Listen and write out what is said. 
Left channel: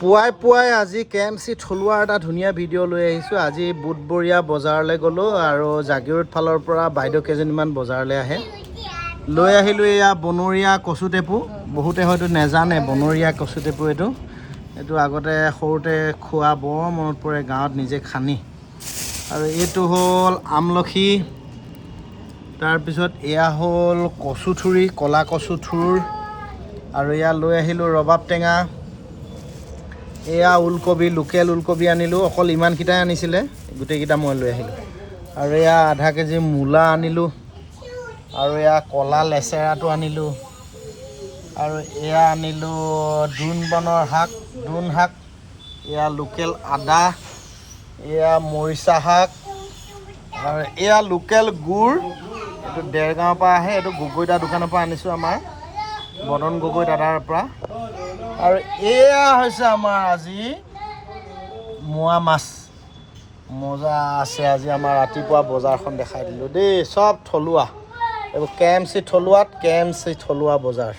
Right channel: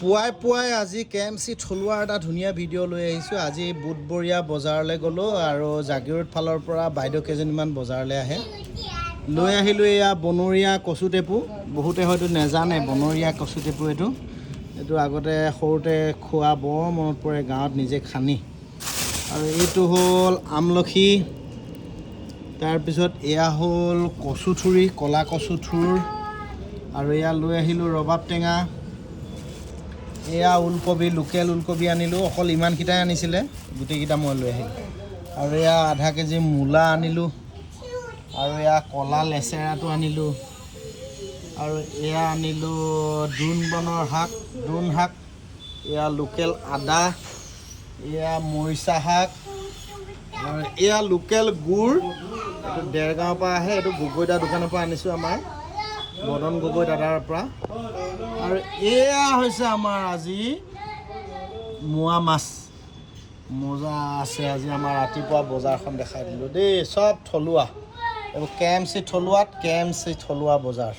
পুৱাই আজি KMC থলুৱাৰ এটা ধুনীয়া ভিডিঅ' লৈ আহিছোঁ। আজি বুধবৰীয়া বজাৰলৈ গ'লোঁ আৰু জাগিৰোড ফালৰ পৰা বাইদেউ কেইজনীমান বজাৰলৈ আহে। লৈ আহিলোঁ এয়া বনৰীয়া কচু টেপু। বহুতে হয়তো নেজানে বনৰীয়া কচু টেপু এইটো আগতে সৰুতে খোৱা বৰ মনত পৰে গাঁৱত নিজে খানি। আৰু এইটো হ'ল আমলখি, তাৰপিছত এয়া হ'ল কচুথুৰি, ক'লা কচুথুৰ, আৰু এয়া লৈ আহিলোঁ ৰবাব টেঙা, এয়া ওলকবি, লোকেল ওলকবি আনিলোঁ, অকল ইমানকেইটাই আনিছিলে, গোটেইকেইটা মই লৈ আহিলোঁ। আৰু এয়া আধা কেজি মূলা আনিলোঁ, আৰু এয়া ক'লা লেচেৰাটো আনিলোঁ, আৰু এয়া আনিলোঁ দ্ৰোণ শাক, এয়া লোকেল আদা, এয়া মৰিচা শাক, আৰু এয়া লোকেল গুড়, এইটো দেৰগাঁৱৰ পৰা আহে, এইটো গগৈ দা দোকানৰ পৰা আনিছোঁ, আমাৰ মদন গগৈ দাদাৰ পৰা। আৰু এয়া হৈছে আমাৰ আজি মোৱা মাছ, মজা আছে আজি আমাৰ ৰাতিপুৱা বজাৰখন দেখাই দিলোঁ দেই, চব থলুৱা, এইবোৰ KMC থলুৱা বজাৰ।